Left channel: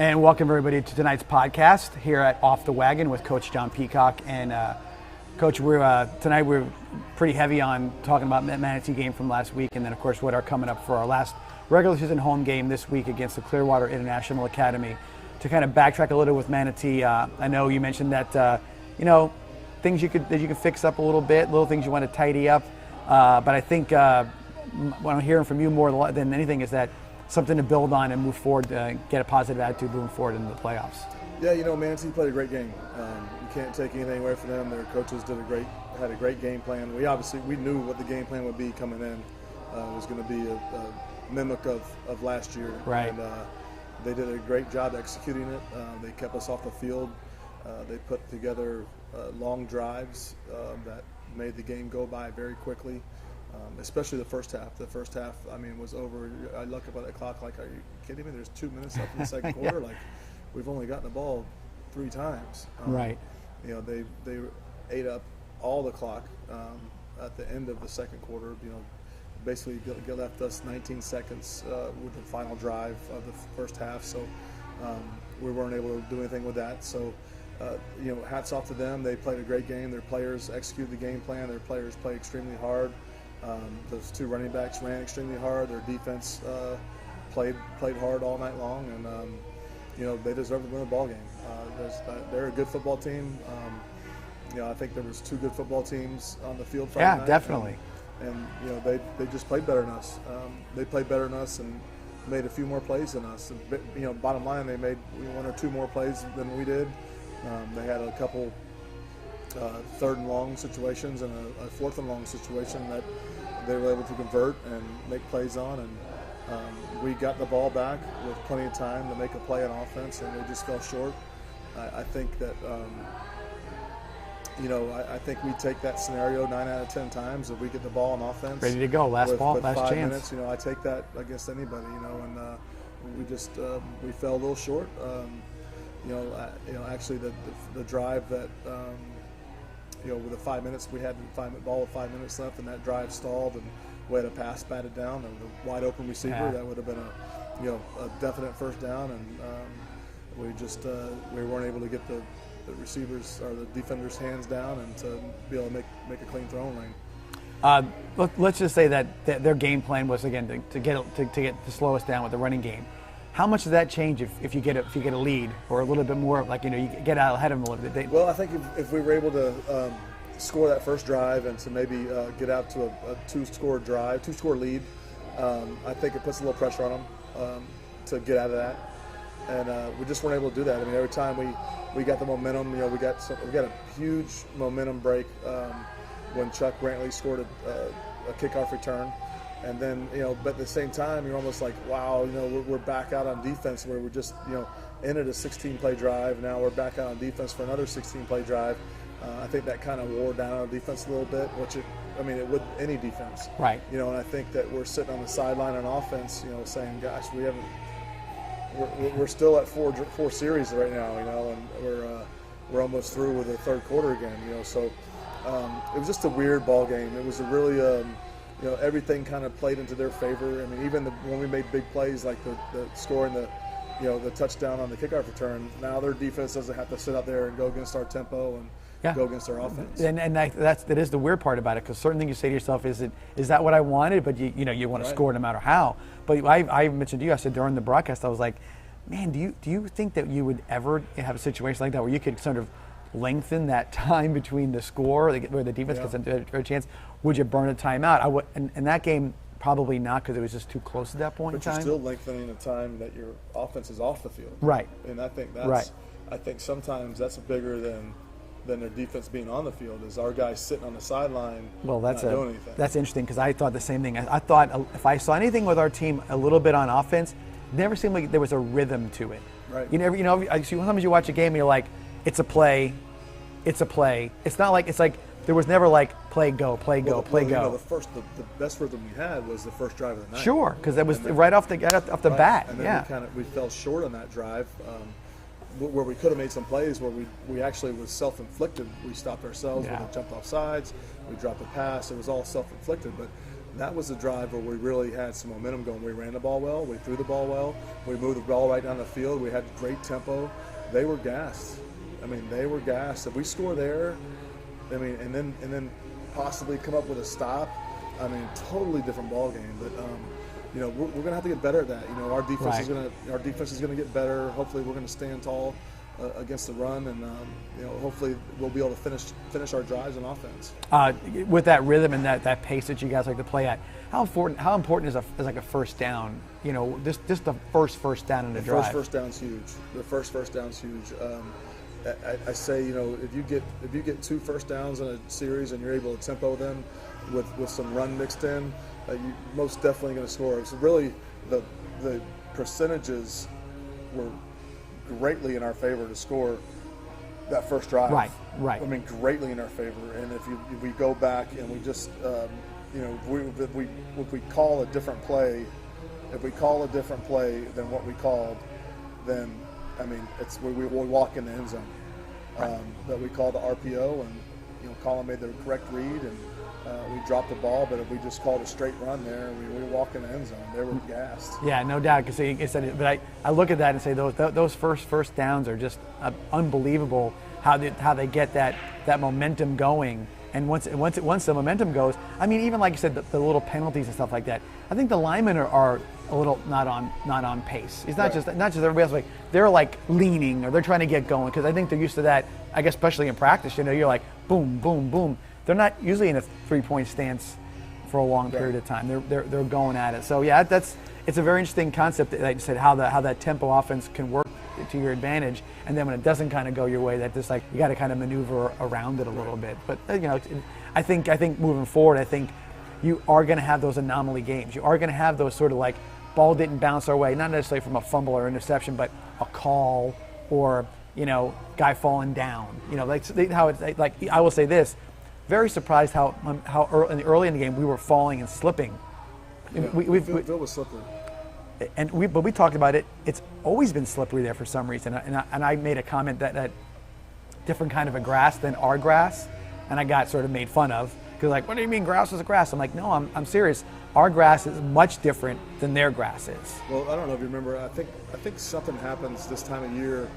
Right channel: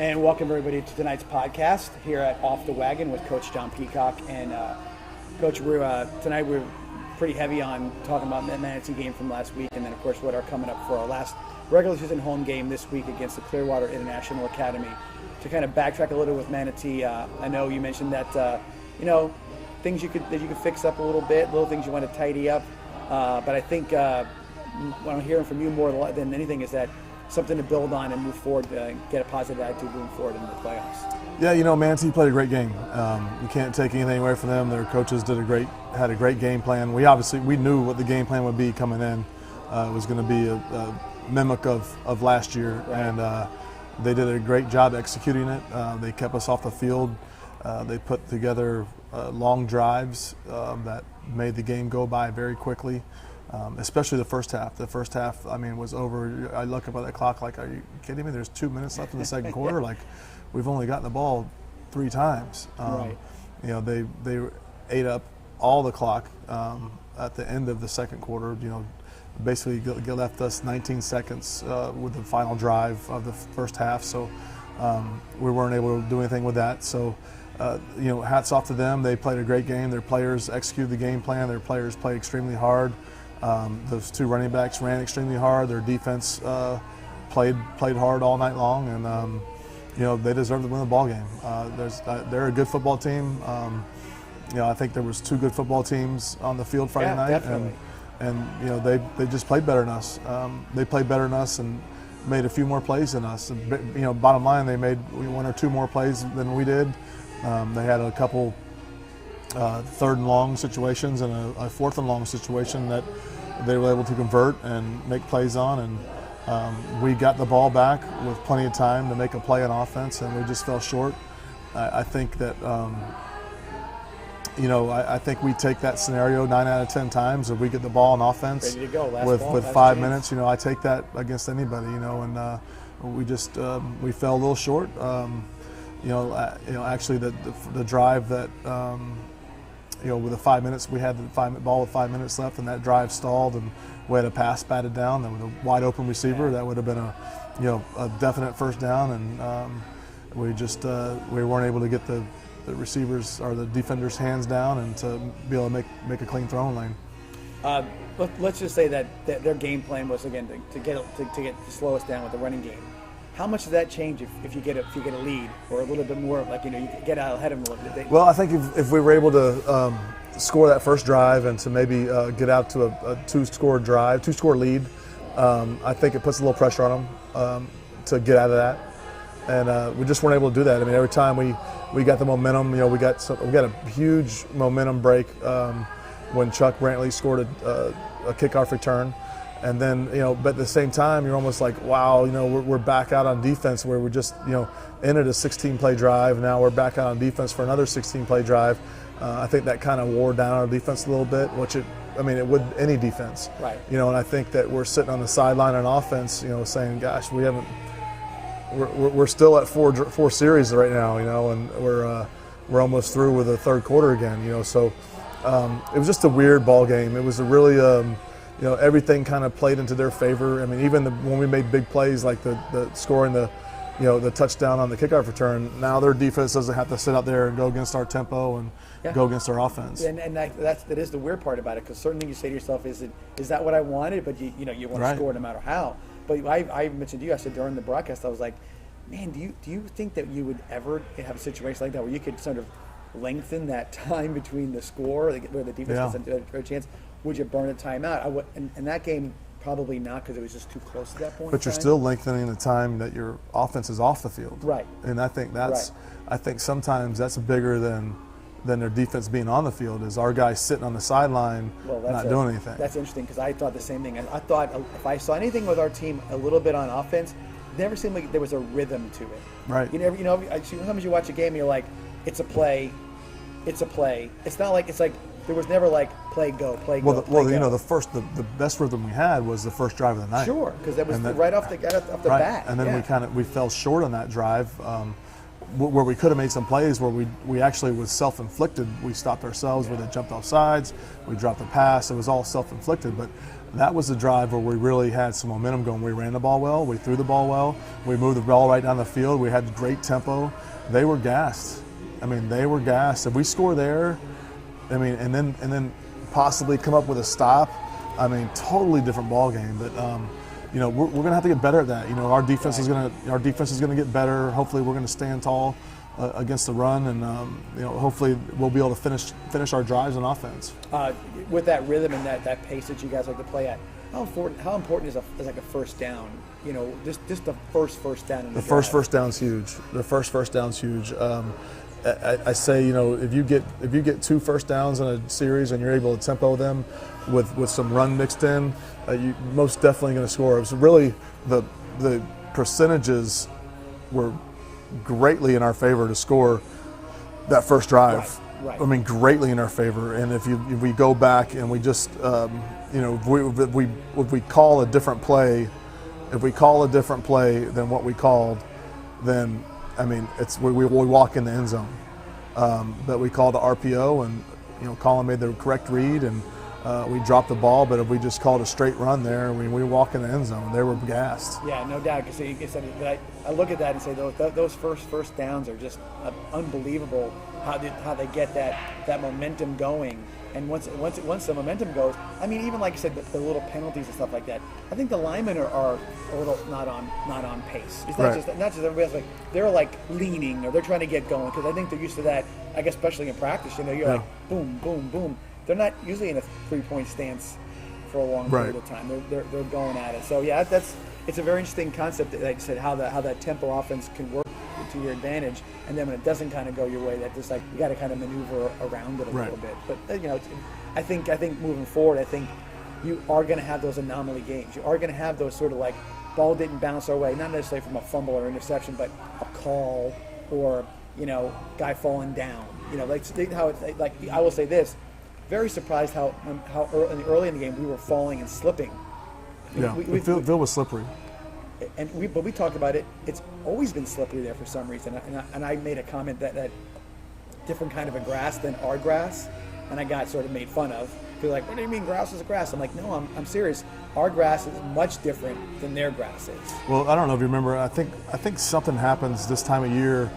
And welcome everybody to tonight's podcast here at Off the Wagon with Coach John Peacock. And Coach, tonight we're pretty heavy on talking about the Manatee game from last week, and then of course what are coming up for our last regular season home game this week against the Clearwater International Academy. To kind of backtrack a little with Manatee, I know you mentioned that things that you could fix up a little bit, little things you want to tidy up, but I think what I'm hearing from you more than anything is that something to build on and move forward, get a positive attitude moving forward in the playoffs. Yeah, Manatee played a great game. We can't take anything away from them. Their coaches had a great game plan. We knew what the game plan would be coming in. It was going to be a mimic of last year, right. And they did a great job executing it. They kept us off the field. They put together long drives that made the game go by very quickly. Especially the first half. The first half, was over. I look up at the clock like, are you kidding me? There's 2 minutes left in the second quarter. Yeah. Like, we've only gotten the ball 3 times. Right. They ate up all the clock at the end of the second quarter. Basically left us 19 seconds with the final drive of the first half. So we weren't able to do anything with that. So. Hats off to them. They played a great game. Their players executed the game plan. Their players played extremely hard. Those 2 running backs ran extremely hard. Their defense played hard all night long, and they deserve to win the ball game. They're a good football team. I think there was 2 good football teams on the field Friday night. Yeah, definitely. And they just played better than us. They played better than us and made a few more plays than us. And, bottom line, they made 1 or 2 more plays than we did. They had a couple 3rd and long situations and a 4th and long situation that they were able to convert and make plays on. And we got the ball back with plenty of time to make a play on offense, and we just fell short. I think that, I think we take that scenario 9 out of 10 times if we get the ball on offense. Ready to go, last with, ball, with last 5 chance. minutes. I take that against anybody, and we just we fell a little short. Actually the drive that, with the 5 minutes, we had the ball with 5 minutes left, and that drive stalled, and we had a pass batted down. There was a wide open receiver. Yeah. That would have been a definite first down, and we weren't able to get the receivers or the defenders' hands down and to be able to make a clean throwing lane. Let's just say that their game plan was again to slow us down with the running game. How much does that change if you get a lead or a little bit more, you get out ahead of them a little bit? Well, I think if we were able to score that first drive and to maybe get out to a 2-score lead, I think it puts a little pressure on them to get out of that, and we just weren't able to do that. Every time we got the momentum, we got a huge momentum break when Chuck Brantley scored a kickoff return. And then, but at the same time, you're almost like, wow, we're back out on defense where we're just, ended a 16-play drive. Now we're back out on defense for another 16-play drive. I think that kind of wore down our defense a little bit, which it would any defense. Right. And I think that we're sitting on the sideline on offense, saying, gosh, we're still at four series right now, and we're almost through with the third quarter again, So it was just a weird ball game. It was a really everything kind of played into their favor. Even when we made big plays like the scoring the touchdown on the kickoff return, now their defense doesn't have to sit out there and go against our tempo and go against our offense. And that is the weird part about it, because certain things you say to yourself, is that what I wanted? But you want to score no matter how. But I mentioned to you, I said during the broadcast, I was like, man, do you think that you would ever have a situation like that where you could sort of lengthen that time between the score where the defense gets a chance? Would you burn a timeout? I would, and that game probably not, because it was just too close at that point. But you're still lengthening the time that your offense is off the field. Right. And I think I think sometimes that's bigger than their defense being on the field, is our guys sitting on the sideline not doing anything. That's interesting, because I thought the same thing. I thought if I saw anything with our team a little bit on offense, it never seemed like there was a rhythm to it. Right. Sometimes you watch a game and you're like, it's a play. It's not like there was never like play go. Well, the best rhythm we had was the first drive of the night. Sure, because that was right off the bat. And then we fell short on that drive, where we could have made some plays where we actually was self-inflicted. We stopped ourselves with a jumped off sides. We dropped the pass. It was all self-inflicted. But that was the drive where we really had some momentum going. We ran the ball well, we threw the ball well, we moved the ball right down the field, we had great tempo. They were gassed. I mean, they were gassed. If we score there, I mean, and then possibly come up with a stop, I mean, totally different ball game. But you know, we're going to have to get better at that. You know, our defense is going to get better. Hopefully, we're going to stand tall against the run, and you know, hopefully we'll be able to finish our drives on offense. With that rhythm and that pace that you guys like to play at, how important is like a first down? You know, just the first down in the drive. First down's huge. The first down's huge. I say, you know, if you get 2 first downs in a series and you're able to tempo them with some run mixed in, you're most definitely going to score. So really, the percentages were greatly in our favor to score that first drive. Right. I mean, greatly in our favor. And if we go back and we just, you know, if we call a different play, than what we called, then I mean, we walk in the end zone. But we called the RPO, and you know, Colin made the correct read, and we dropped the ball. But if we just called a straight run there, we walk in the end zone. They were gassed. Yeah, no doubt. Because I look at that and say those first downs are just unbelievable. How they get that momentum going. And once the momentum goes, I mean, even like you said, the little penalties and stuff like that. I think the linemen are a little not on pace. It's not just everybody else. Like they're like leaning or they're trying to get going because I think they're used to that. I guess especially in practice, you know, you're like boom, boom, boom. They're not usually in a 3-point stance for a long period of time. They're going at it. So yeah, it's a very interesting concept. Like you said, how that tempo offense can work to your advantage, and then when it doesn't kind of go your way, that just like you got to kind of maneuver around it a little bit. But you know, I think moving forward, I think you are going to have those anomaly games. You are going to have those sort of like ball didn't bounce our way, not necessarily from a fumble or interception, but a call or you know, guy falling down. You know, like how it's like I will say this, very surprised how early in the game we were falling and slipping. Yeah, Phil was slippery. But we talked about it. It's always been slippery there for some reason. And I made a comment that different kind of a grass than our grass, and I got sort of made fun of because like, what do you mean grass is a grass? I'm like, no, I'm serious. Our grass is much different than their grass is. Well, I don't know if you remember. I think something happens this time of year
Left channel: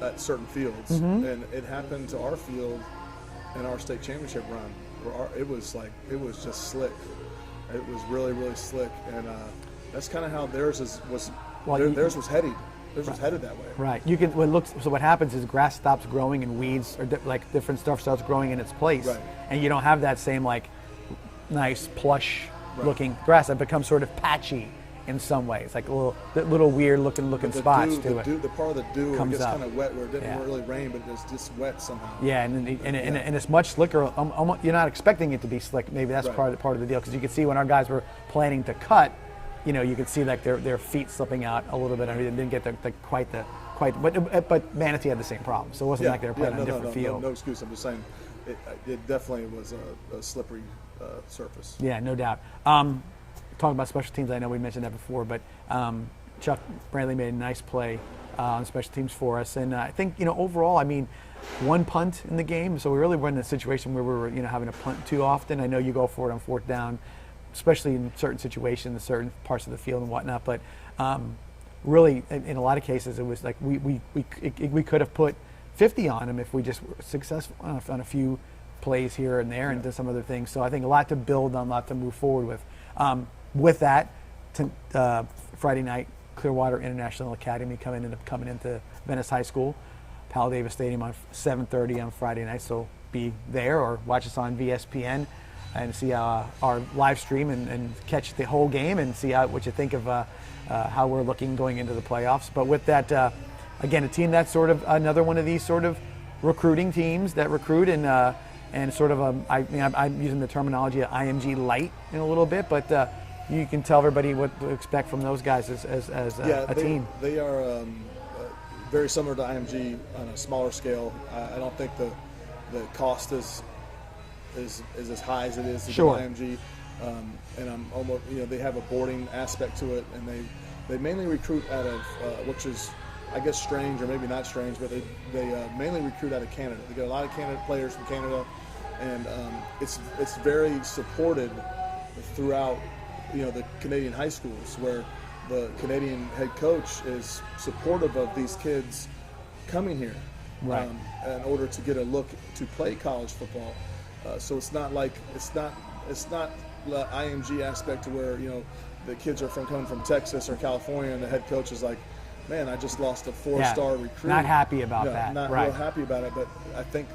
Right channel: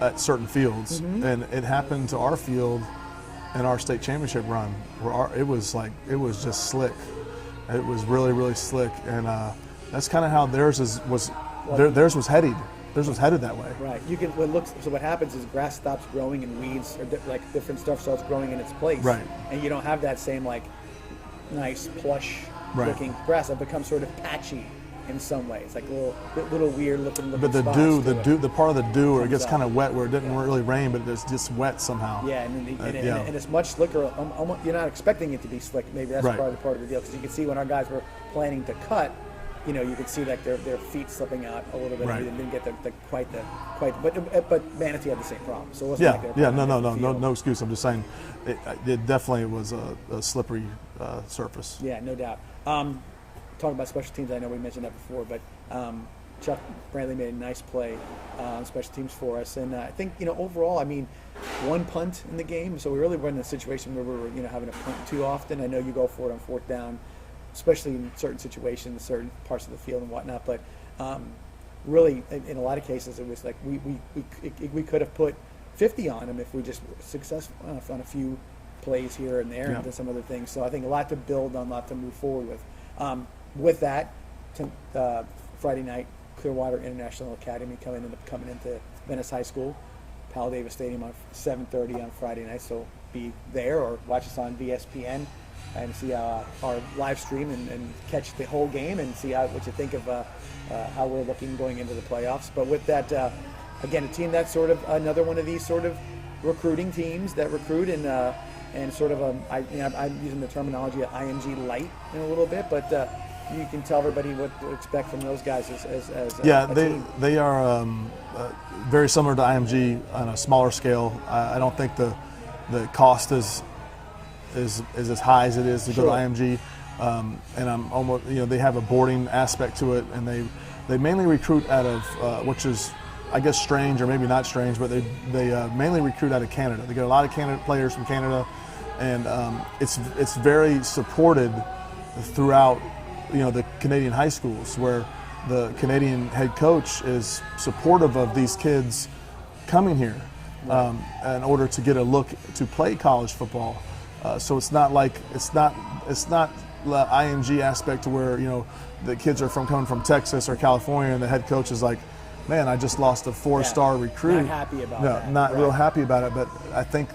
at certain fields, and it happened to our field in our state championship run where it was just slick. It was really, really slick, and that's kind of how theirs was headed. Theirs was headed that way. Right. You can. So what happens is grass stops growing and weeds or like different stuff starts growing in its place. Right. And you don't have that same like nice plush looking grass. It becomes sort of patchy in some ways, like a little weird looking but the spots. The part of the dew where it gets kind of wet, where it didn't really rain, but it's just wet somehow. Yeah, and it's much slicker. You're not expecting it to be slick. Maybe that's part of the deal, because you can see when our guys were planning to cut, you know, you could see like their feet slipping out a little bit. Right. They didn't get but Manatee had the same problem. So it wasn't like they were playing no excuse. I'm just saying it definitely was a slippery surface. Yeah, no doubt. Talking about special teams, I know we mentioned that before, but Chuck Brantley made a nice play on special teams for us, and I think, you know, overall, I mean, one punt in the game, so we really weren't in a situation where we were, you know, having a punt too often. I know you go for it on 4th down, especially in certain situations, certain parts of the field and whatnot, but really, in a lot of cases, it was like we could have put 50 on them if we just were successful on a few plays here and there and did some other things. So I think a lot to build on, a lot to move forward with. With that, Friday night, Clearwater International Academy coming into Venice High School, Pal Davis Stadium on 7:30 on Friday night. So be there or watch us on VSPN and see our live stream and catch the whole game and see what you think of how we're looking going into the playoffs. But with that, again, a team that's sort of another one of these sort of recruiting teams that recruit and sort of I'm using the terminology of IMG light in a little bit, but you can tell everybody what to expect from those guys as a team. They are very similar to IMG on a smaller scale. I don't think the cost is as high as it is to go to IMG, and I'm almost, you know, they have a boarding aspect to it, and they mainly recruit out of which is, I guess, strange or maybe not strange, but they mainly recruit out of Canada. They get a lot of players from Canada, and it's very supported throughout, the Canadian high schools, where the Canadian head coach is supportive of these kids coming here in order to get a look to play college football. So it's not the IMG aspect to where the kids are coming from Texas or California, and the head coach is like, man, I just lost a 4-star recruit. Not happy about that. Not real happy about it. But I think,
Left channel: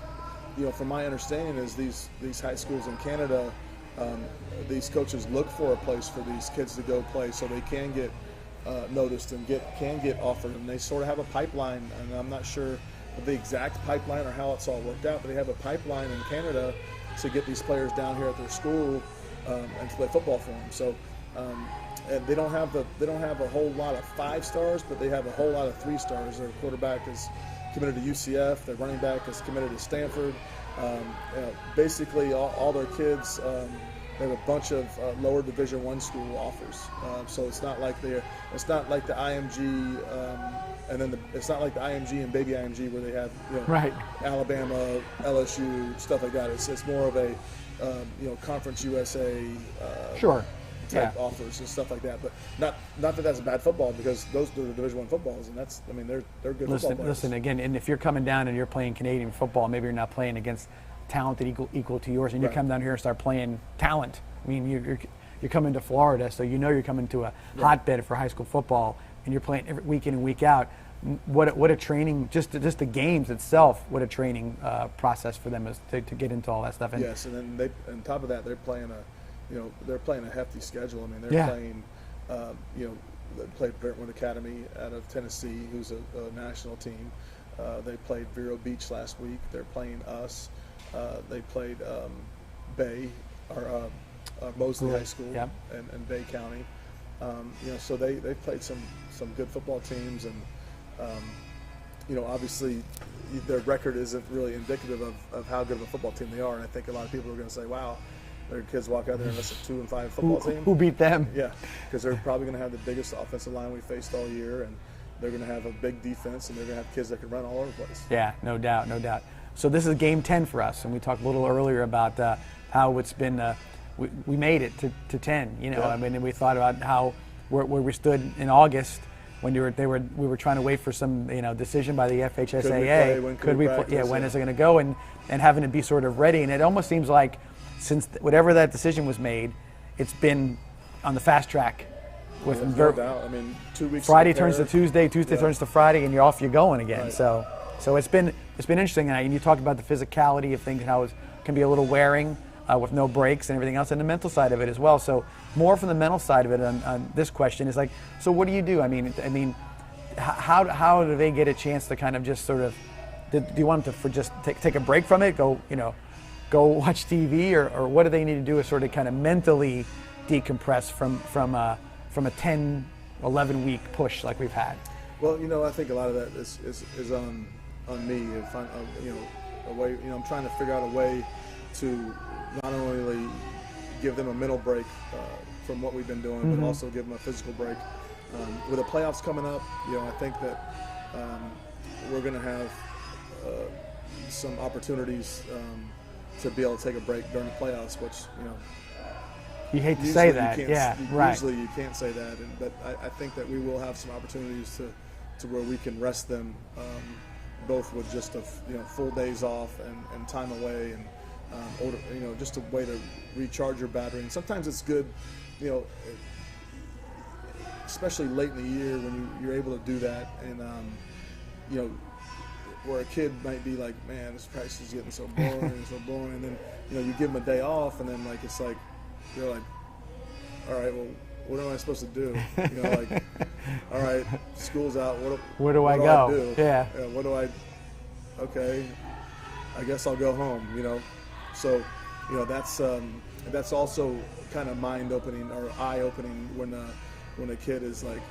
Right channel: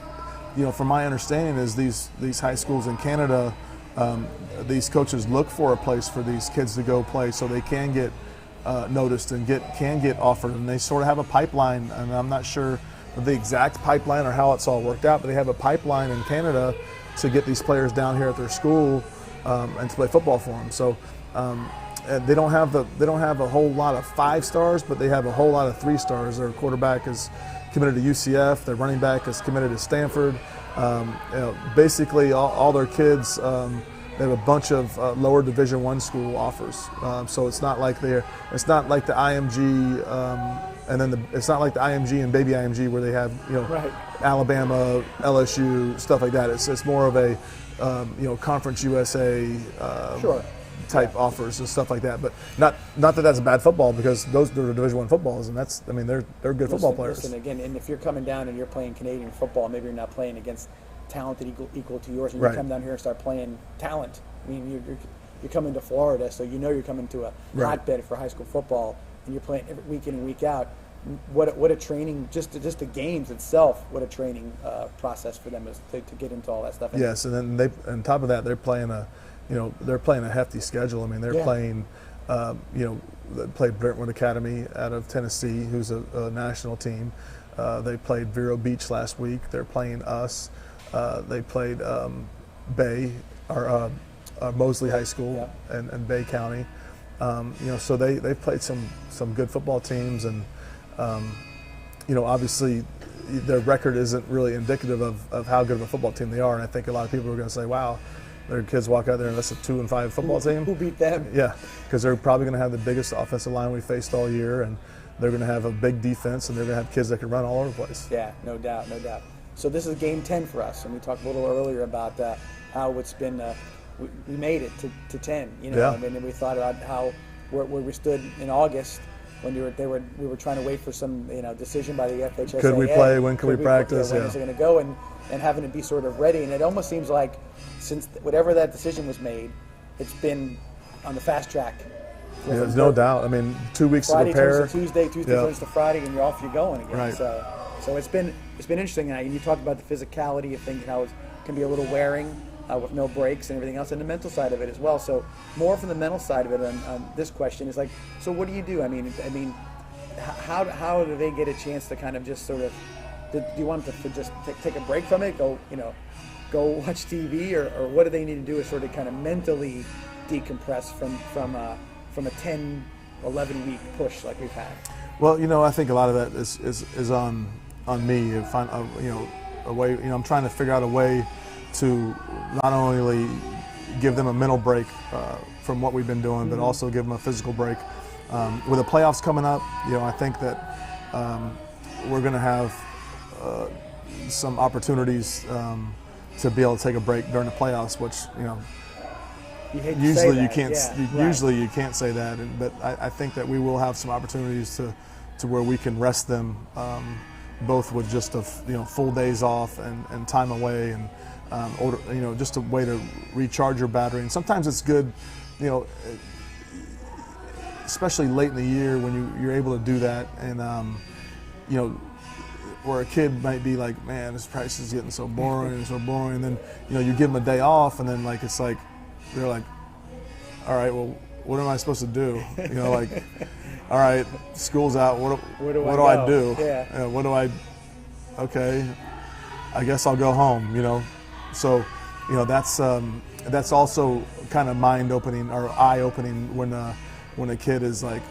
from my understanding, is these high schools in Canada, these coaches look for a place for these kids to go play so they can get noticed and can get offered, and they sort of have a pipeline. And I'm not sure of the exact pipeline or how it's all worked out, but they have a pipeline in Canada to get these players down here at their school and to play football for them. So they don't have a whole lot of 5 stars, but they have a whole lot of 3 stars. Their quarterback is committed to UCF. Their running back is committed to Stanford. Basically, all their kids. They have a bunch of lower Division I school offers. So it's not like the IMG, and then it's not like the IMG and baby IMG where they have Alabama, LSU, stuff like that. It's more of a Conference USA type offers and stuff like that. But not that that's bad football, because those are Division I footballs, and they're good football players. Listen again, and if you're coming down and you're playing Canadian football, maybe you're not playing against talented equal to yours, and you come down here and start playing talent. I mean, you're coming to Florida, so you're coming to a hotbed for high school football, and you're playing every week in and week out. What a training, just the games itself, what a training process for them is to get into all that stuff. Yes, and then on top of that, they're playing a hefty schedule. I mean, they're playing, they played Brentwood Academy out of Tennessee, who's a national team. They played Vero Beach last week. They're playing us. They played Bay, or Mosley High School, and Bay County. So they've played some good football teams, and obviously their record isn't really indicative of how good of a football team they are. And I think a lot of people are going to say, "Wow, their kids walk out there and that's a 2-5 football team." Who beat them? Yeah, because they're probably going to have the biggest offensive line we faced all year, and they're going to have a big defense, and they're going to have kids that can run all over the place. Yeah, no doubt. So this is game 10 for us, and we talked a little earlier about how it's been. We made it to 10. I mean, and we thought about how where we stood in August when we were trying to wait for some decision by the FHSAA. Could we play? When could we practice? When is it going to go? And having to be sort of ready. And it almost seems like since whatever that decision was made, it's been on the fast track. There's no doubt. I mean, 2 weeks. Friday turns to Tuesday, Tuesday turns to Friday, and you're going again. Right. So it's been interesting, and you talked about the physicality of things and how it can be a little wearing with no breaks and everything else, and the mental side of it as well. So more from the mental side of it on this question is like, so what do you do? I mean, how do they get a chance to kind of just sort of? Do you want them to just take a break from it? Go watch TV, or what do they need to do to sort of kind of mentally decompress from a 10, 11 week push like we've had? Well, I think a lot of that is on me. Find a way. I'm trying to figure out a way to not only give them a mental break from what we've been doing, but also give them a physical break. With the playoffs coming up, I think that we're going to have some opportunities to be able to take a break during the playoffs, which you hate to usually say that. you can't. Usually you can't say that, but I think that we will have some opportunities to where we can rest them, both with just full days off and time away, and just a way to recharge your battery. And sometimes it's good, especially late in the year when you're able to do that, and where a kid might be like, man, this practice is getting so boring and so boring. And then you give them a day off, and then it's like they're like, all right, well, what am I supposed to do? All right, school's out. What do I do? Yeah. Okay, I guess I'll go home. So, that's also kind of mind-opening or eye-opening when a kid is like,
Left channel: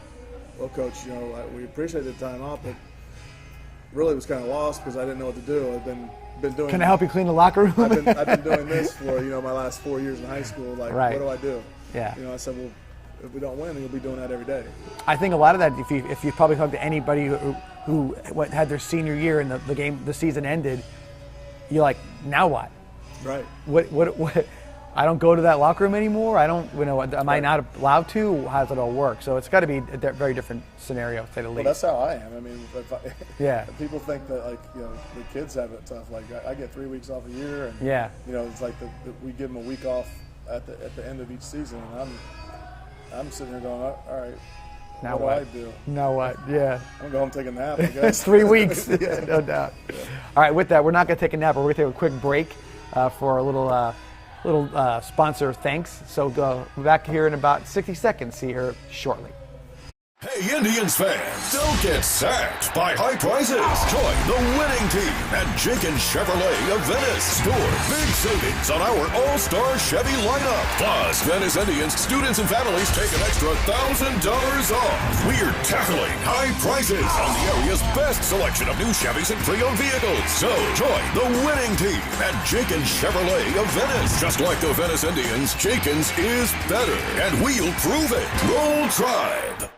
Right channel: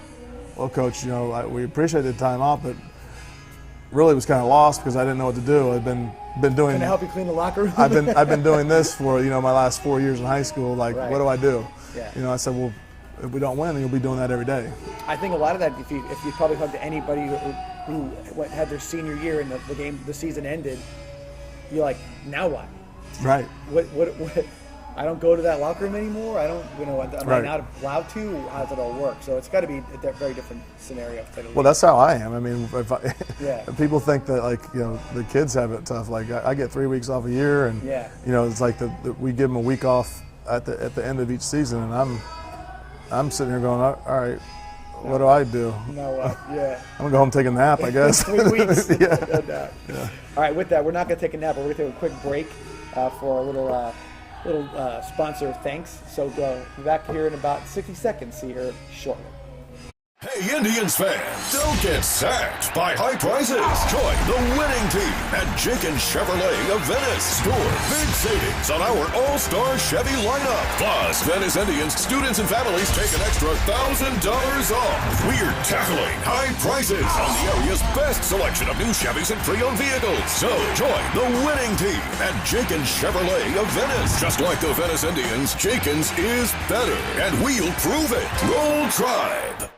well, coach, we appreciate the time off, but really was kind of lost because I didn't know what to do. I've been doing. Can I help you clean the locker room? I've been doing this for my last 4 years in high school. Like, what do I do? Yeah. I said, well, if we don't win, then you'll be doing that every day. I think a lot of that, if you probably talk to anybody who had their senior year and the season ended, you're like, now what? Right. What I don't go to that locker room anymore. I don't, am I not allowed to? How does it all work? So it's got to be a very different scenario, to say the least. Well, that's how I am. I mean, yeah. People think that, like, the kids have it tough. Like, I get 3 weeks off a year, and it's like we give them a week off at the end of each season, and I'm sitting here going, all right, what do I do? Now what? Yeah. I'm gonna go home and take a nap, I guess. 3 weeks. Yeah. No doubt. Yeah. All right, with that, we're not gonna take a nap, but we're gonna take a quick break for a little sponsor thanks. So we're back here in about 60 seconds here shortly. Hey, Indians fans, don't get sacked by high prices. Join the winning team at Jenkins Chevrolet of Venice. Score big savings on our all-star Chevy lineup. Plus, Venice Indians students and families take an extra $1,000 off. We're tackling high prices on the area's best selection of new Chevys and pre-owned vehicles. So join the winning team at Jenkins Chevrolet of Venice. Just like the Venice Indians, Jenkins is better, and we'll prove it. Roll Tribe.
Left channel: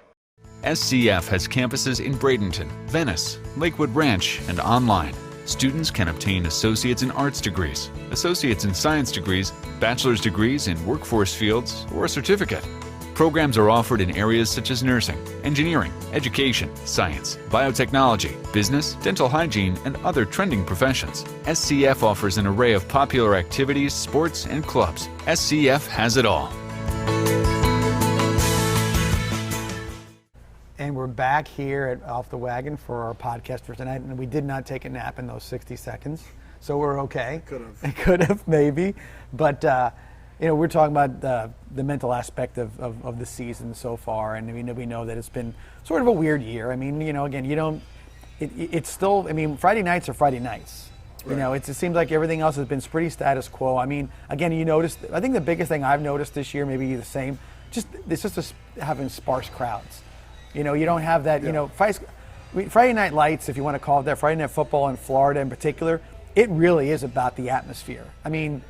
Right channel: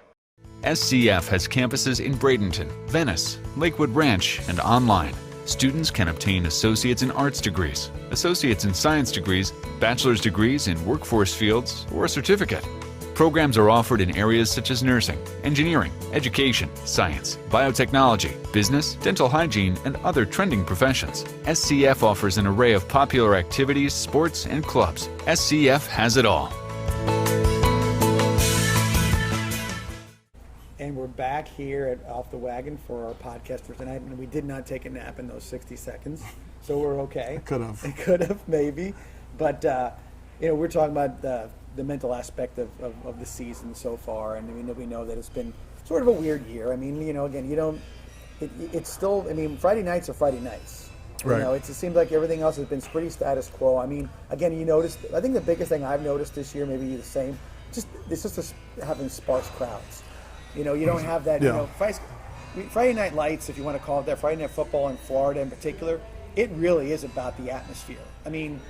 SCF has campuses in Bradenton, Venice, Lakewood Ranch, and online. Students can obtain Associates in Arts degrees, Associates in Science degrees, Bachelor's degrees in workforce fields, or a certificate. Programs are offered in areas such as nursing, engineering, education, science, biotechnology, business, dental hygiene, and other trending professions. SCF offers an array of popular activities, sports, and clubs. SCF has it all. Back here at Off the Wagon for our podcast for tonight, and we did not take a nap in those 60 seconds, so we're okay. Could have, maybe, but we're talking about the mental aspect of the season so far, and we know that it's been sort of a weird year. I mean, again, it's still. I mean, Friday nights are Friday nights. Right. It seems like everything else has been pretty status quo. I mean, again, you noticed. I think the biggest thing I've noticed this year, maybe the same, it's just having sparse crowds. You don't have that, Friday Night Lights, if you want to call it that, Friday Night Football in Florida in particular, it really is about the atmosphere. I mean,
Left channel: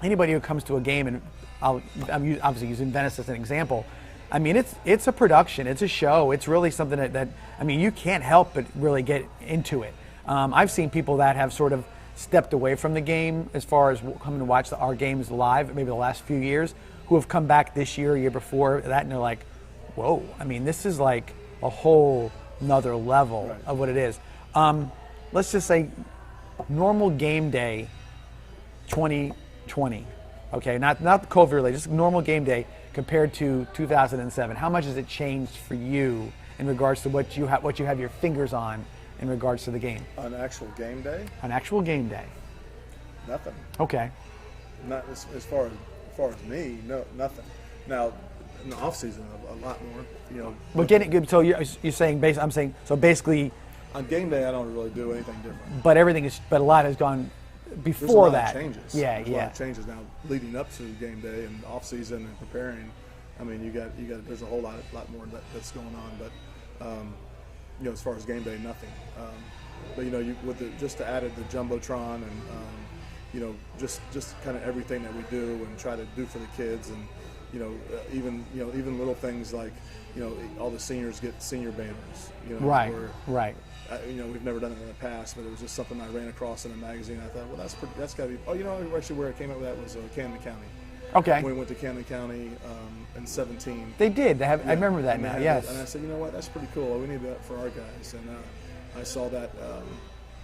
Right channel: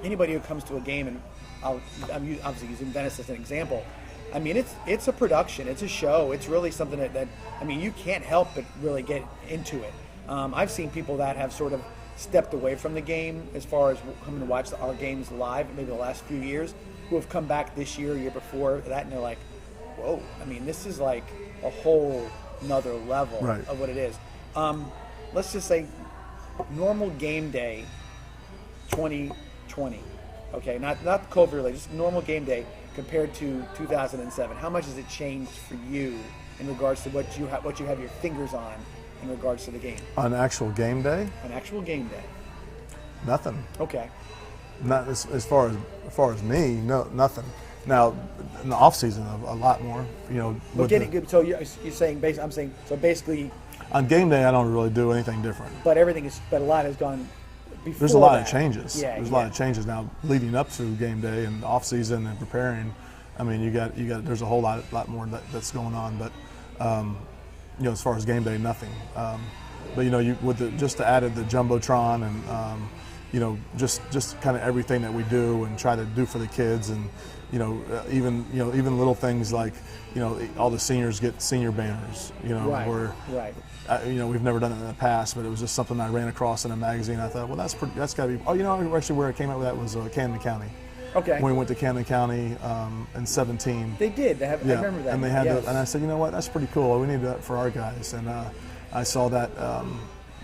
anybody who comes to a game, and I'm obviously using Venice as an example, I mean, it's a production, it's a show, it's really something that I mean, you can't help but really get into it. I've seen people that have sort of stepped away from the game as far as coming to watch our games live, maybe the last few years, who have come back this year before that, and they're like, whoa, I mean, this is like a whole nother level of what it is. Let's just say normal game day 2020, okay, not COVID related, just normal game day compared to 2007. How much has it changed for you in regards to what you have your fingers on in regards to the game? On actual game day? On actual game day. Nothing. Okay. Not as far as me, no, nothing. Now, in the off season, a lot more, But so you're saying, I'm saying, so basically, on game day, I don't really do anything different. But a lot has gone before. There's a lot that. of changes. Yeah, There's a lot of changes now leading up to game day and off season and preparing. I mean, you got. There's a whole lot more that's going on. But as far as game day, nothing. But just to add the jumbotron and just kind of everything that we do and try to do for the kids and. Even little things like, all the seniors get senior banners. Right. We've never done it in the past, but it was just something I ran across in a magazine. I thought, well, that's got to be. Oh, actually, where I came up with that was Camden County. Okay. When we went to Camden County in 17. They did. I remember that. And they had and I said, you know what, that's pretty cool. We need that for our guys. And I saw that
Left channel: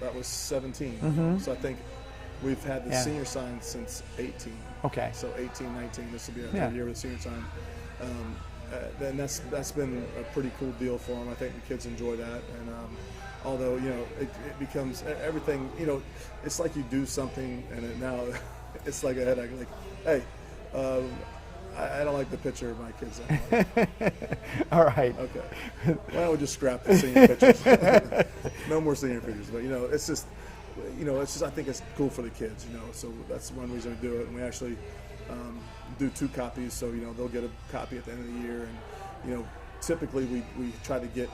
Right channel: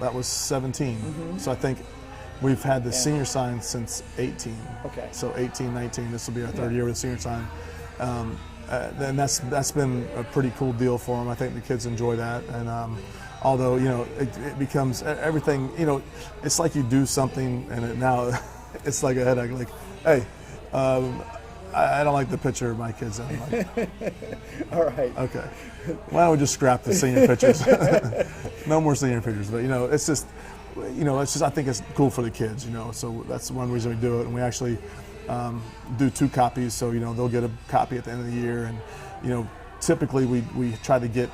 that was 17. Mm-hmm. So I think. We've had the senior sign since 18. Okay. So 18, 19, this will be our third year with the senior sign. And that's been a pretty cool deal for them. I think the kids enjoy that. And although, it becomes everything, it's like you do something and now it's like a headache. Like, hey, I don't like the picture of my kids. Like, all right. Okay. Why don't we just scrap the senior pictures? No more senior pictures. But, it's just, I think it's cool for the kids, so that's one reason we do it. And we actually do 2 copies, so, they'll get a copy at the end of the year. And, typically we try to get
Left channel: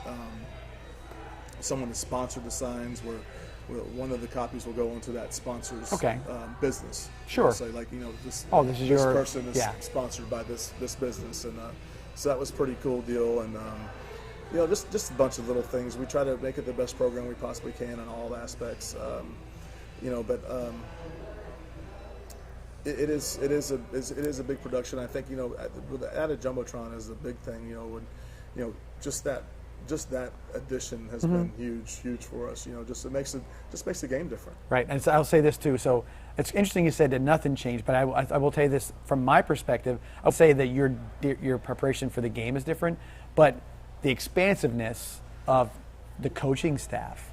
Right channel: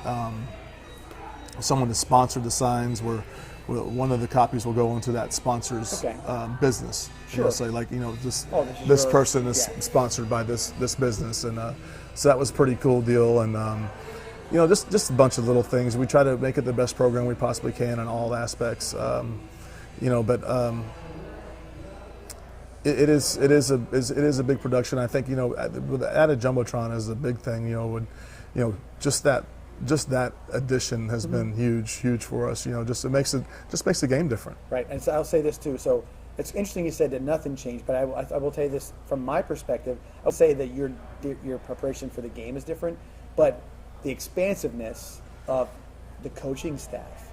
someone to sponsor the signs where one of the copies will go into that sponsor's business. Sure. Say this person is sponsored by this business. And so that was a pretty cool deal. And, just a bunch of little things. We try to make it the best program we possibly can in all aspects. It is a big production. I think with added jumbotron is a big thing. Just that addition has been huge for us. It makes the game different. Right, and so I'll say this too. So it's interesting you said that nothing changed, but I will tell you this from my perspective. I'll say that your preparation for the game is different, but the expansiveness of the coaching staff,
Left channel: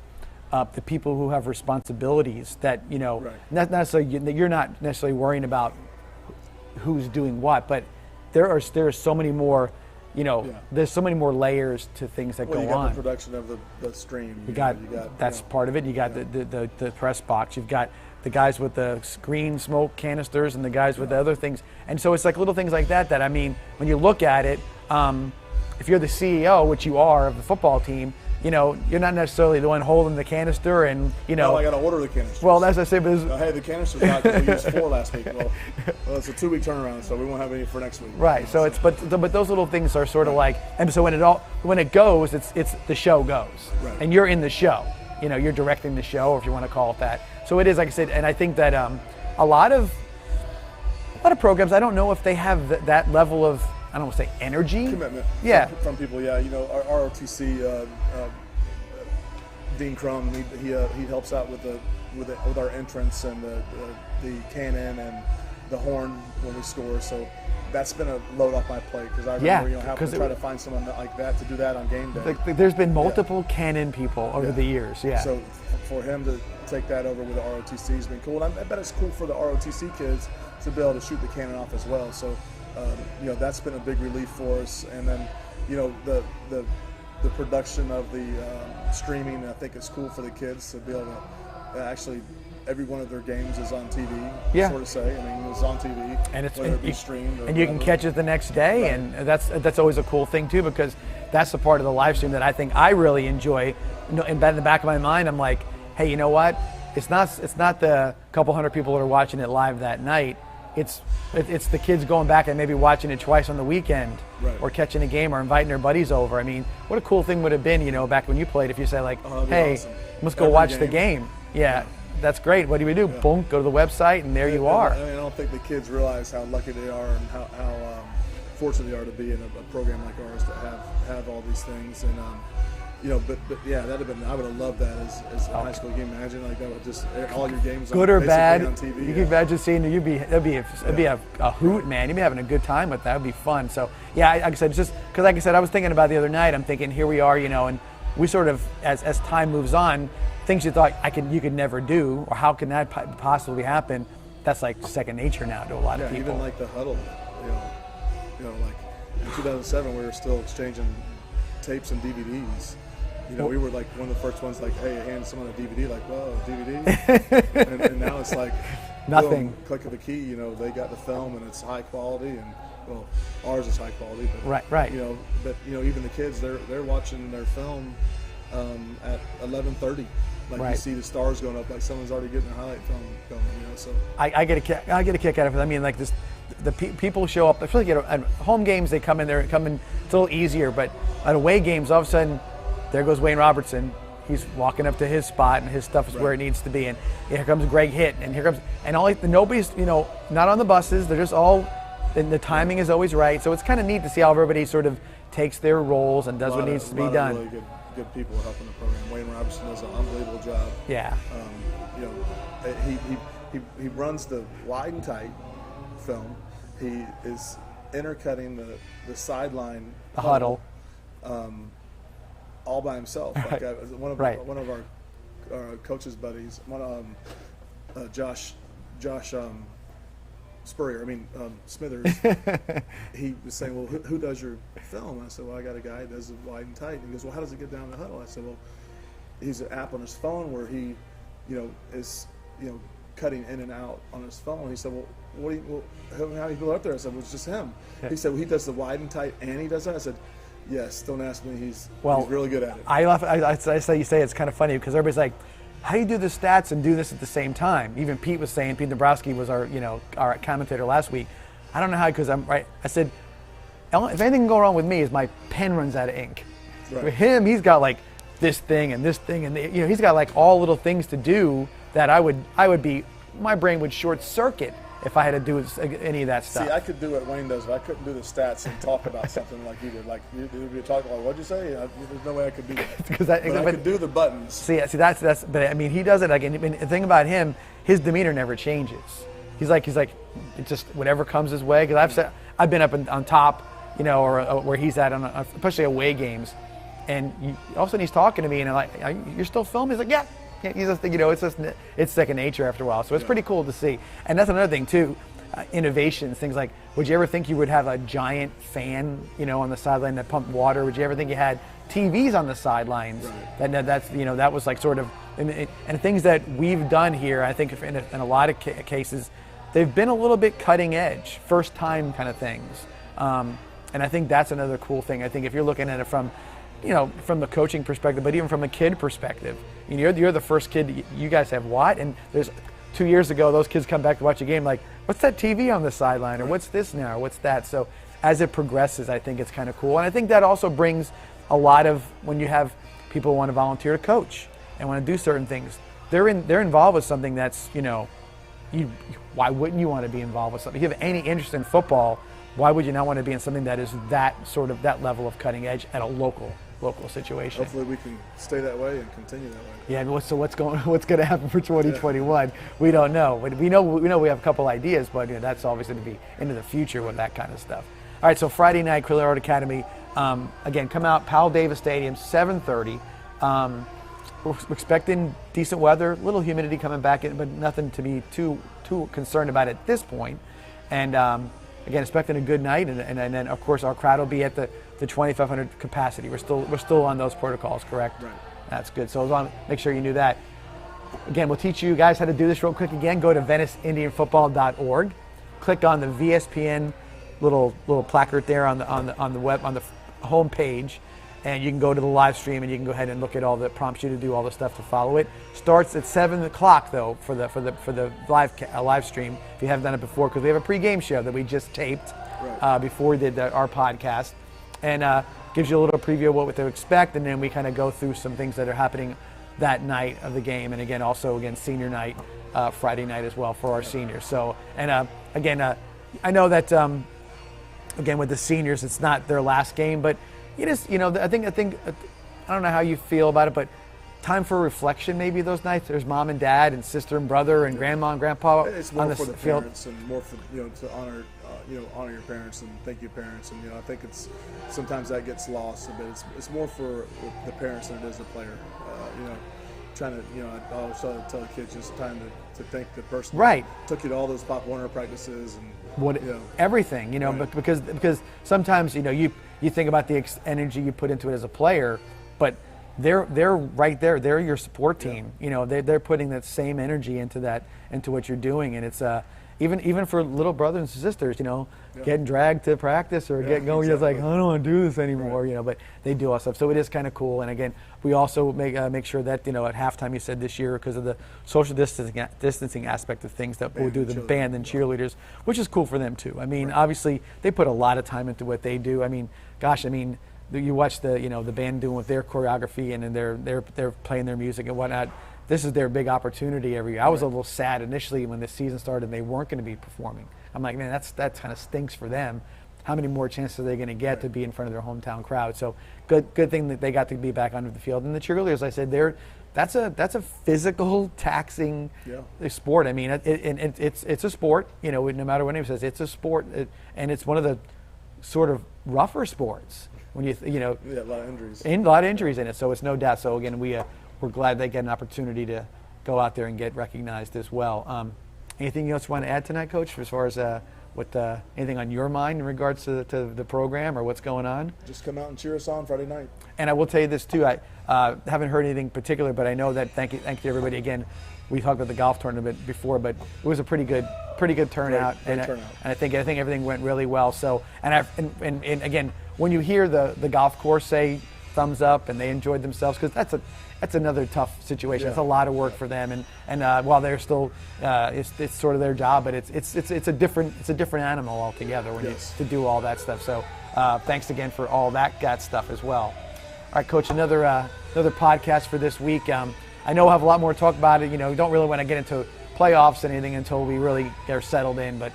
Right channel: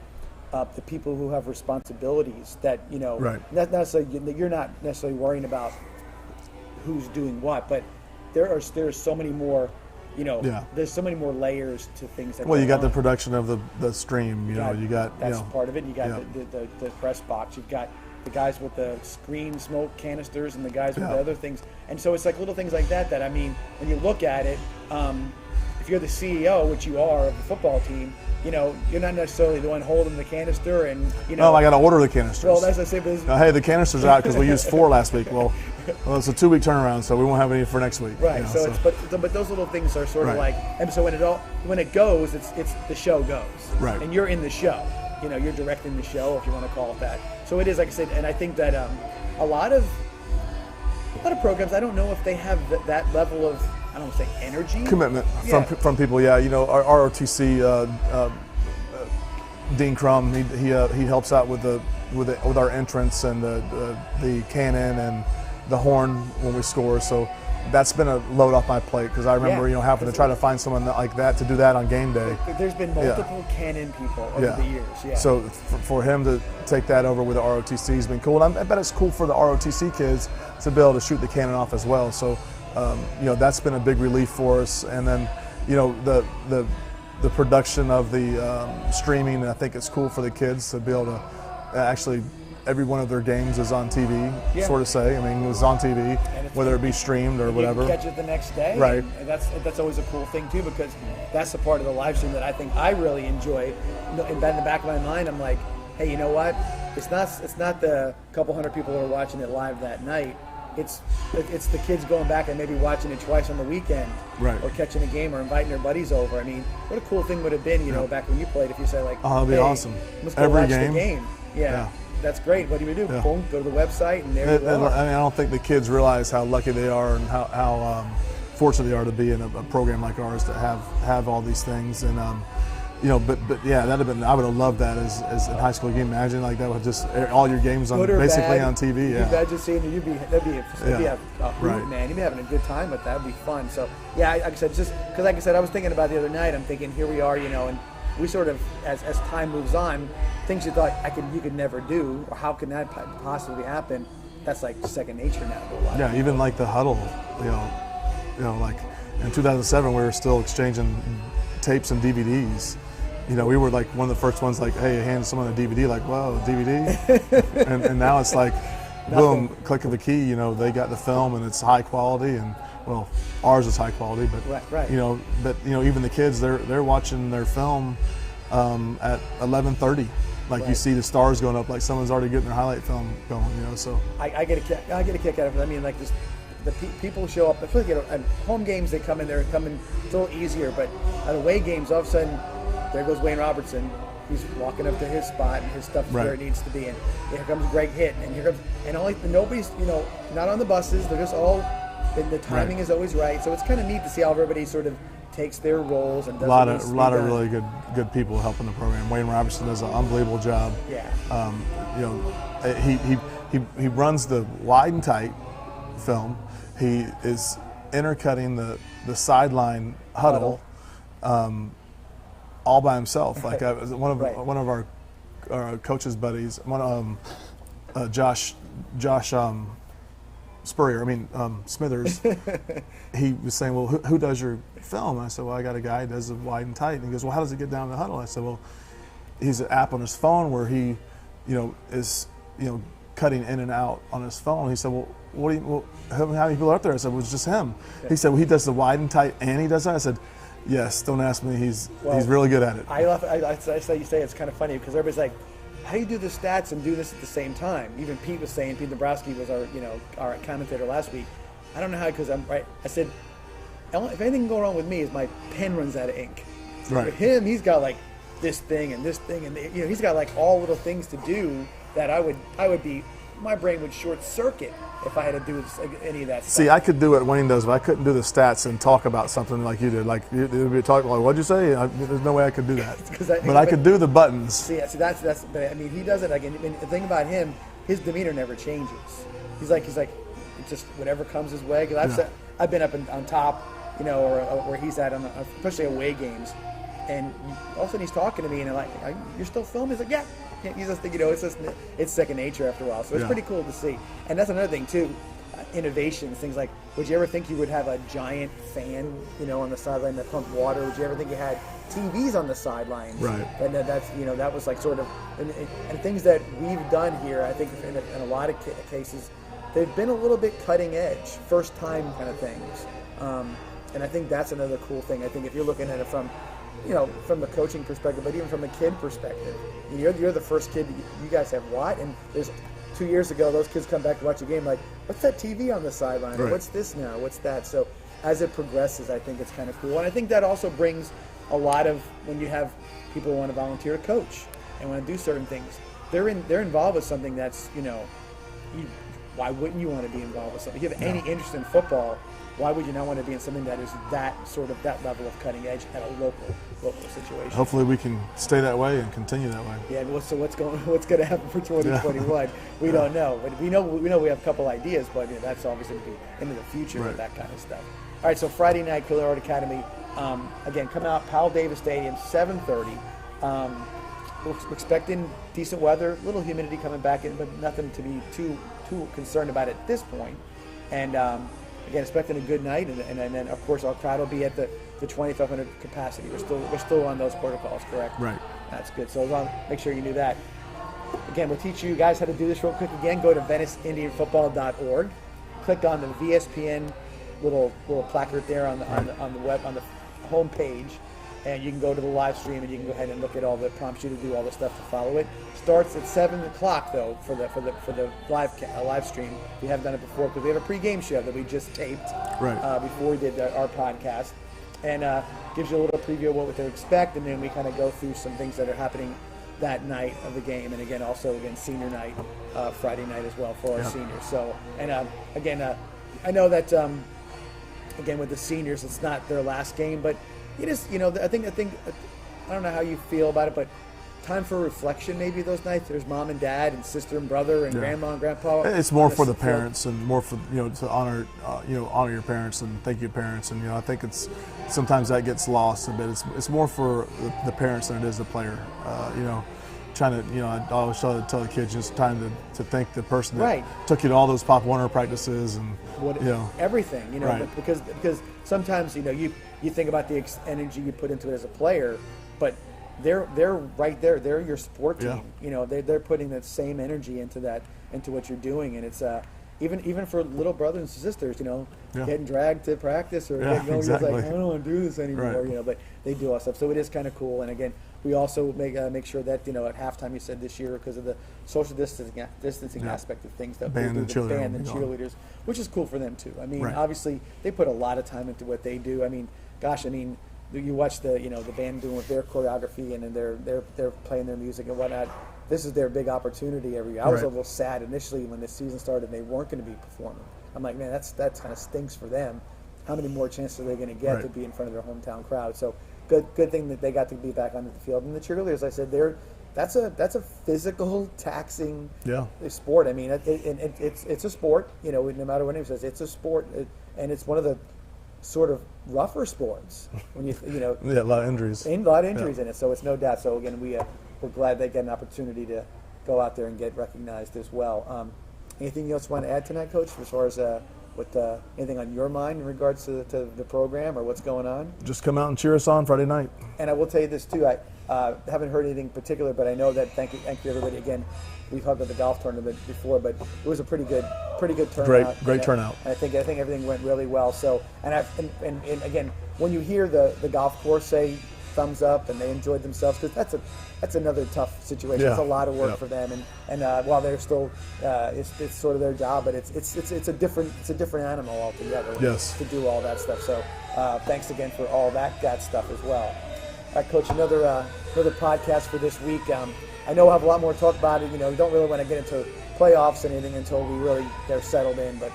the people who have responsibilities that not necessarily that you're not necessarily worrying about who's doing what, but there are so many more. There's so many more layers to things that go on. Well, you got the production of the stream. You got that's part of it. You got the press box. You've got the guys with the screen smoke canisters and the guys with the other things. And so it's like little things like that I mean, when you look at it, if you're the CEO, which you are of the football team, you're not necessarily the one holding the canister and, No, I got to order the canisters. Well, as I said, hey, the canister's out because we used 4 last week. Well, it's a 2-week turnaround, so we won't have any for next week. Right. But those little things are sort of like, and so when it goes, it's the show goes. Right. And you're in the show. You're directing the show, if you want to call it that. So it is, like I said, and I think that a lot of programs, I don't know if they have that level of, I don't want to say energy. Commitment from people, Our ROTC, Dean Crum, he helps out with our entrance and the cannon and the horn when we score. So that's been a load off my plate because I remember having to try to find someone like that to do that on game day. There's been multiple cannon people over the years. Yeah. So for him to take that over with the ROTC has been cool. And I bet it's cool for the ROTC kids to be able to shoot the cannon off as well. So. That's been a big relief for us, and then the production of the streaming. I think it's cool for the kids to be able to actually every one of their games is on TV. Sort of say. I mean, it's on TV, and whether it be streamed or and whatever. You can catch it the next day, right? And that's always a cool thing too, because that's the part of the live stream that I think I really enjoy. In the back of my mind, I'm like, hey, you know what? It's not the couple hundred people who are watching it live that night. It's the kids going back and maybe watching it twice on the weekend, right. Or catching a game or inviting their buddies over. I mean, what a cool thing would have been, back when you played, if you say like, that'd be awesome. Let's go watch the game. Yeah, that's great. What do we do? Yeah. Boom, go to the website, and there you are. I don't think the kids realize how lucky they are and how fortunate they are to be in a program like ours to have all these things. And but that'd have been. I would have loved that as in high school. Can you imagine like that with just all your games good or basically bad, on TV? You imagine seeing it. It'd be a hoot, right. Man. You'd be having a good time with that. It'd be fun. So like I said, just because like I said, I was thinking about the other night. I'm thinking here we are, and we sort of as time moves on, things you thought you could never do, or how can that possibly happen? That's like second nature now to a lot of people. Even like the huddle, like in 2007 we were still exchanging tapes and DVDs. We were like one of the first ones like, hey, hand someone a DVD, like, whoa, DVD? and now it's like, boom, click of a key, they got the film and it's high quality and, well, ours is high quality, but, right. Even the kids, they're watching their film at 11:30. Like you see the stars going up, like someone's already getting their highlight film going, so. I get a kick out of it. I mean, like this, the people show up, I feel like at home games, they come in, it's a little easier, but at away games, all of a sudden, there goes Wayne Robertson. He's walking up to his spot, and his stuff is where it needs to be. And here comes Greg Hitt, and nobody's, not on the buses. They're just all, and the timing is always right. So it's kind of neat to see how everybody sort of takes their roles and does what needs to be done. A lot of really good people helping the program. Wayne Robertson does an unbelievable job. Yeah. He runs the wide and tight film. He is intercutting the sideline huddle. All by himself. Like one of our coach's buddies, Josh Smithers. He was saying, well, who does your film? I said, well, I got a guy who does it wide and tight. And he goes, well, how does it get down to the huddle? I said, well, he's an app on his phone where he, is cutting in and out on his phone. He said, well, how many people are up there? I said, well, it's just him. He said, well, he does the wide and tight and he does that. I said, yes, don't ask me. He's really good at it. I say you say it's kind of funny because everybody's like, how do you do the stats and do this at the same time? Even Pete was saying, Pete Dabrowski was our commentator last week. I don't know how, because I'm right. I said, if anything can go wrong with me is my pen runs out of ink. Right. With him, he's got like this thing and this thing, and he's got like all little things to do that I would be my brain would short circuit if I had to do any of that stuff. See, I could do what Wayne does, but I couldn't do the stats and talk about something like you did. Like you would talk like, "What'd you say?" There's no way I could do that. But I could do the buttons. See, that's. But I mean, he does it. Like, and the thing about him, his demeanor never changes. He's like, it's just whatever comes his way. Because I've been up on top, or where he's at, especially away games, and all of a sudden he's talking to me, and I'm like, "You're still filming?" He's like, "Yeah." He's just, it's second nature after a while. So it's pretty cool to see. And that's another thing too, innovations, things like, would you ever think you would have a giant fan, on the sideline that pumped water? Would you ever think you had TVs on the sidelines? Right. That was like sort of, and things that we've done here, I think in a lot of cases, they've been a little bit cutting edge, first time kind of things. And I think that's another cool thing. I think if you're looking at it from the coaching perspective, but even from a kid perspective, you're the first kid. You guys have what? And there's 2 years ago, those kids come back to watch a game like, what's that TV on the sideline, or what's this now, or what's that? So as it progresses, I think it's kind of cool, and I think that also brings a lot of, when you have people who want to volunteer to coach and want to do certain things, they're involved with something that's why wouldn't you want to be involved with something? If you have any interest in football, why would you not want to be in something that is that level of cutting edge at a local situation? Hopefully we can stay that way and continue that way. Yeah, but so what's going to happen for 2021? We don't know. But we know we have a couple ideas, but that's obviously going to be into the future with that kind of stuff. All right, so Friday night, Clear Art Academy. Again, come out, Powell Davis Stadium, 7:30. We're expecting decent weather, a little humidity coming back, but nothing to be too concerned about at this point. And again, expecting a good night, and then of course our crowd will be at the 2,500 capacity. We're still on those protocols, correct? Right. That's good. So as long make sure you knew that. Again, we'll teach you guys how to do this real quick. Again, go to VeniceIndianFootball.org. Click on the VSPN little placard there on the web, on the home page, and you can go to the live stream and you can go ahead and look at all the prompts you to do all the stuff to follow it. Starts at 7 o'clock though for the live stream if you haven't done it before, because we have a pregame show that we just taped before we did our podcast, and gives you a little preview of what to expect, and then we kind of go through some things that are happening that night of the game, and again senior night, Friday night as well for our seniors. So again, I know that again with the seniors it's not their last game, but it is, I think I don't know how you feel about it, but time for reflection maybe those nights. There's mom and dad and sister and brother and grandma and grandpa. It's more for the parents and more for to honor your parents and thank you parents, and I think it's sometimes that gets lost a bit. It's more for the parents than it is the player. Trying to I always tell the kids just time to thank the person that took you to all those Pop Warner practices and everything but because sometimes you think about the energy you put into it as a player, but they're right there. They're your sport team. They're putting that same energy into what you're doing, and it's even for little brothers and sisters, getting dragged to practice or getting going. Exactly. It's like, I don't want to do this anymore. But they do all stuff. So it is kind of cool. And again, we also make sure that at halftime, you said this year, because of the social distancing aspect of things, that we'll do the band and cheerleaders, which is cool for them too. I mean, obviously they put a lot of time into what they do. I mean, gosh, you watch the band doing with their choreography, and then they're playing their music and whatnot. This is their big opportunity every year. I was a little sad initially when the season started and they weren't going to be performing. I'm like, man, that kind of stinks for them. How many more chances are they going to get to be in front of their hometown crowd? So good thing that they got to be back onto the field. And the cheerleaders, I said, that's a physical, taxing sport. I mean, it's a sport. No matter what anyone says, it's a sport, and it's one of the sort of rougher sports when a lot of injuries. A lot of injuries in it. So it's no doubt. So again, we're glad they get an opportunity to go out there and get recognized as well. Anything else you want to add tonight, Coach, as far as anything on your mind in regards to the program or what's going on? Just come out and cheer us on Friday night. And I will tell you this too. I haven't heard anything particular, but I know that thank you everybody again. We talked about the golf tournament before, but it was a pretty good turnout. Great turnout. And I think everything went really well. So and again, when you hear the golf course say thumbs up and they enjoyed themselves, because that's another tough situation. It's a lot of work for them, and while they're still it's sort of their job, but it's a different animal altogether to do all that stuff. So thanks again for all that stuff as well. All right, Coach, another podcast for this week. I know we'll have a lot more to talk about it. We don't really want to get into playoffs and anything until we really get settled in. But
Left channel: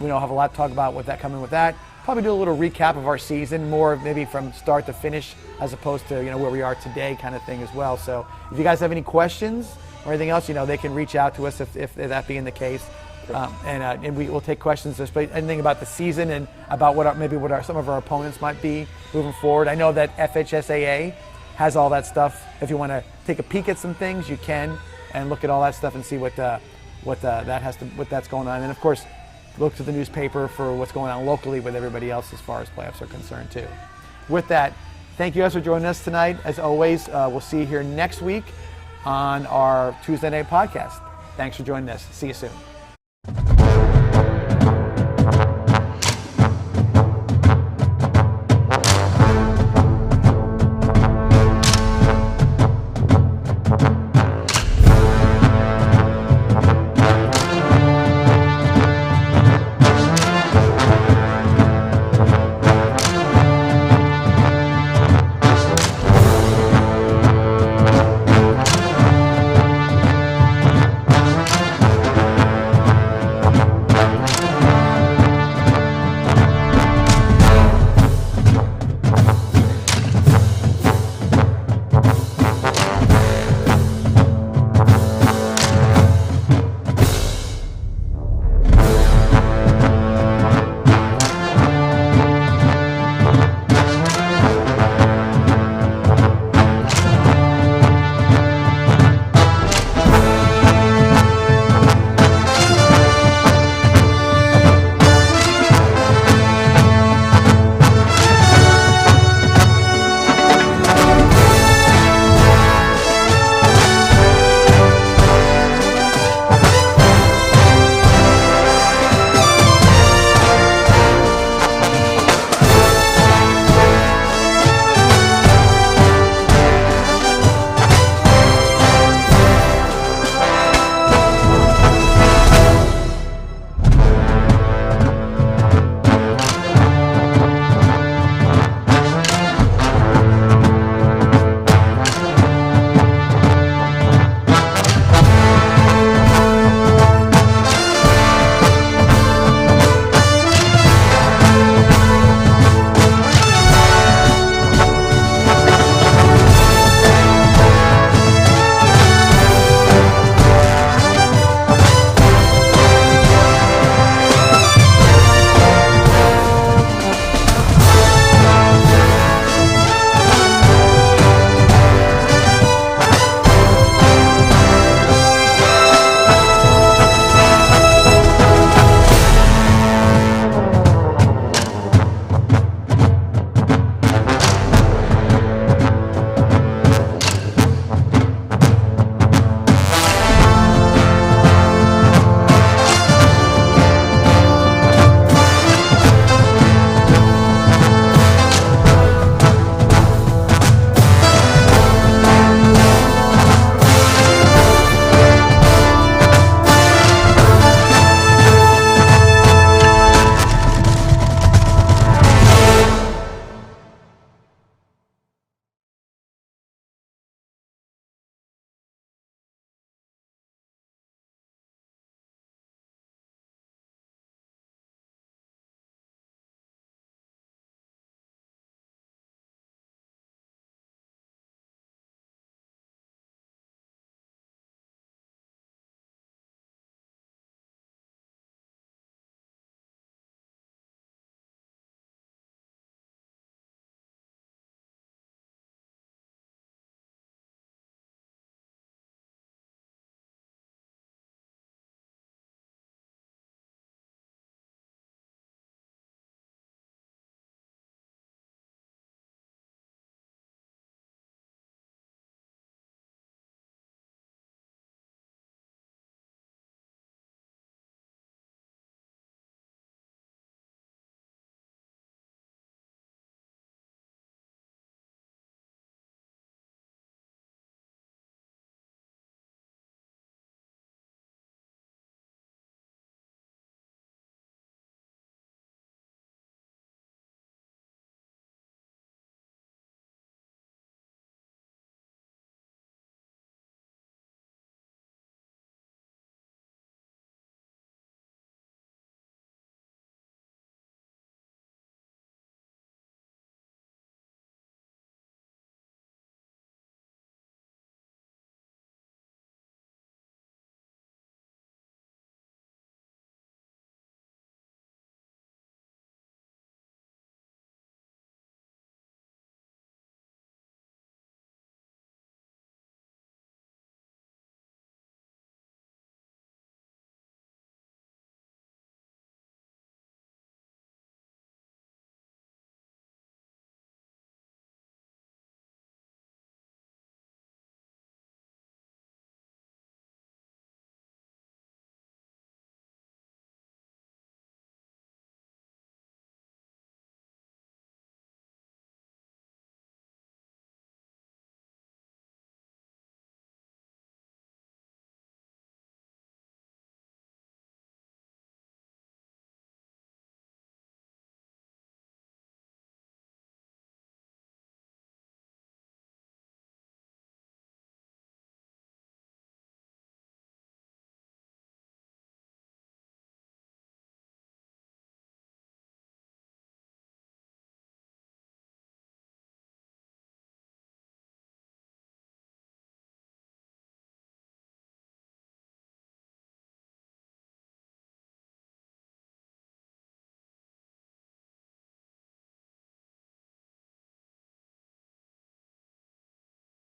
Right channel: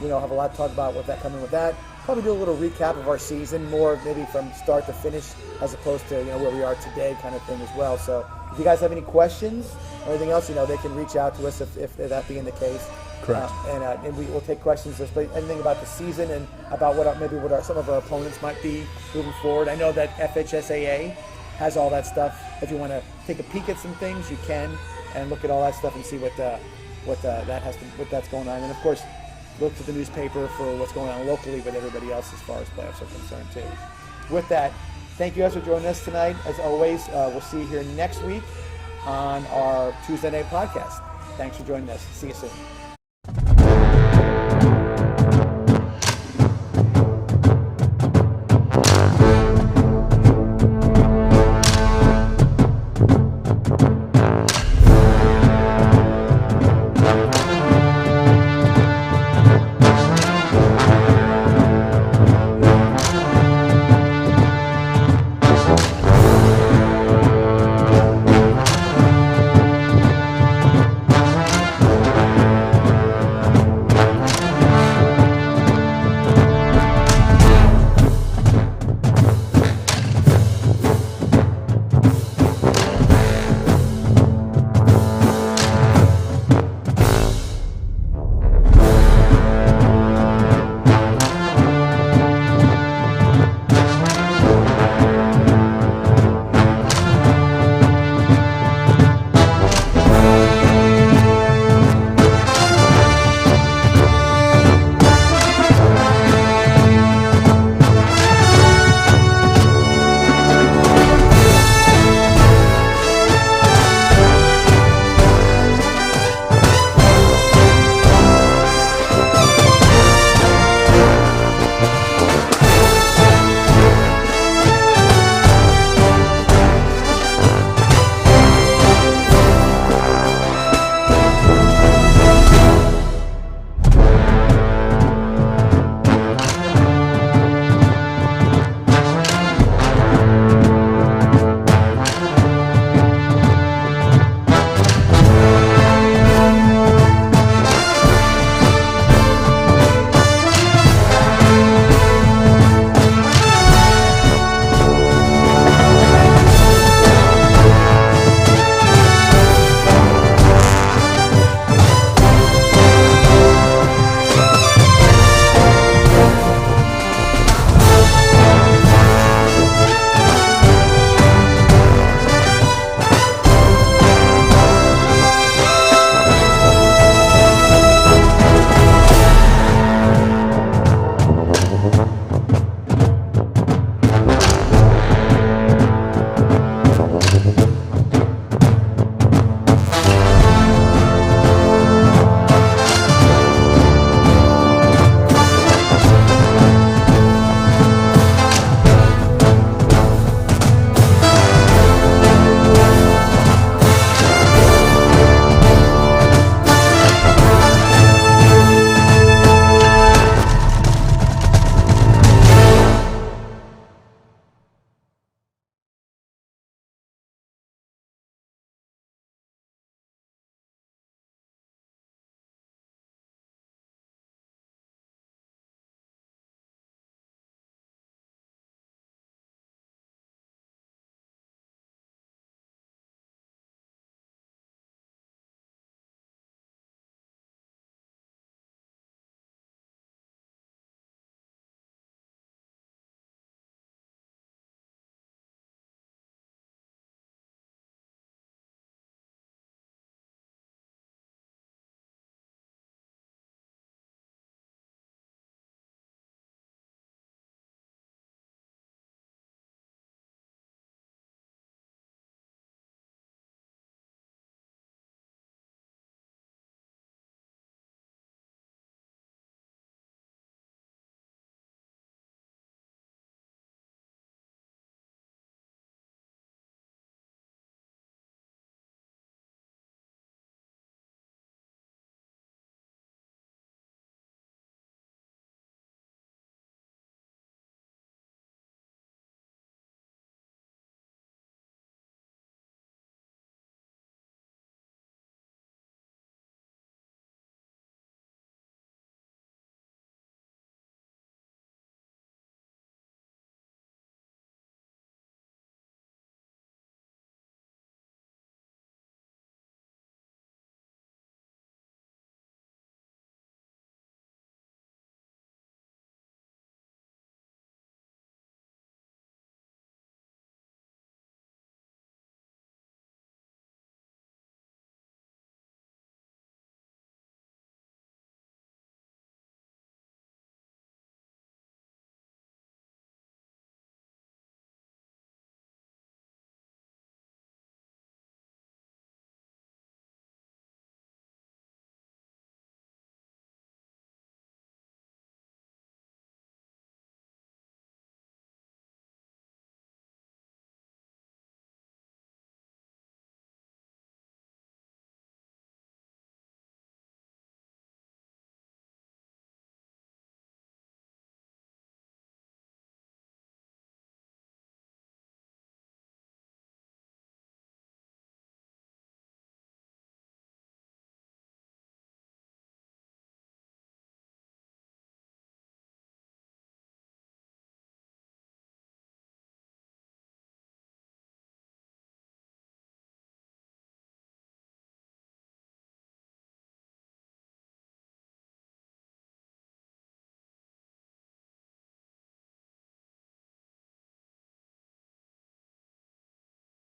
we don't have a lot to talk about with that coming with that. Probably do a little recap of our season, more maybe from start to finish, as opposed to where we are today kind of thing as well. So if you guys have any questions or anything else, they can reach out to us if that being the case. Correct. And we will take questions, just anything about the season and about what some of our opponents might be moving forward. I know that FHSAA has all that stuff. If you want to take a peek at some things, you can, and look at all that stuff and see what that's going on. And of course, look to the newspaper for what's going on locally with everybody else as far as playoffs are concerned too. With that, thank you guys for joining us tonight. As always, we'll see you here next week on our Tuesday night podcast. Thanks for joining us. See you soon.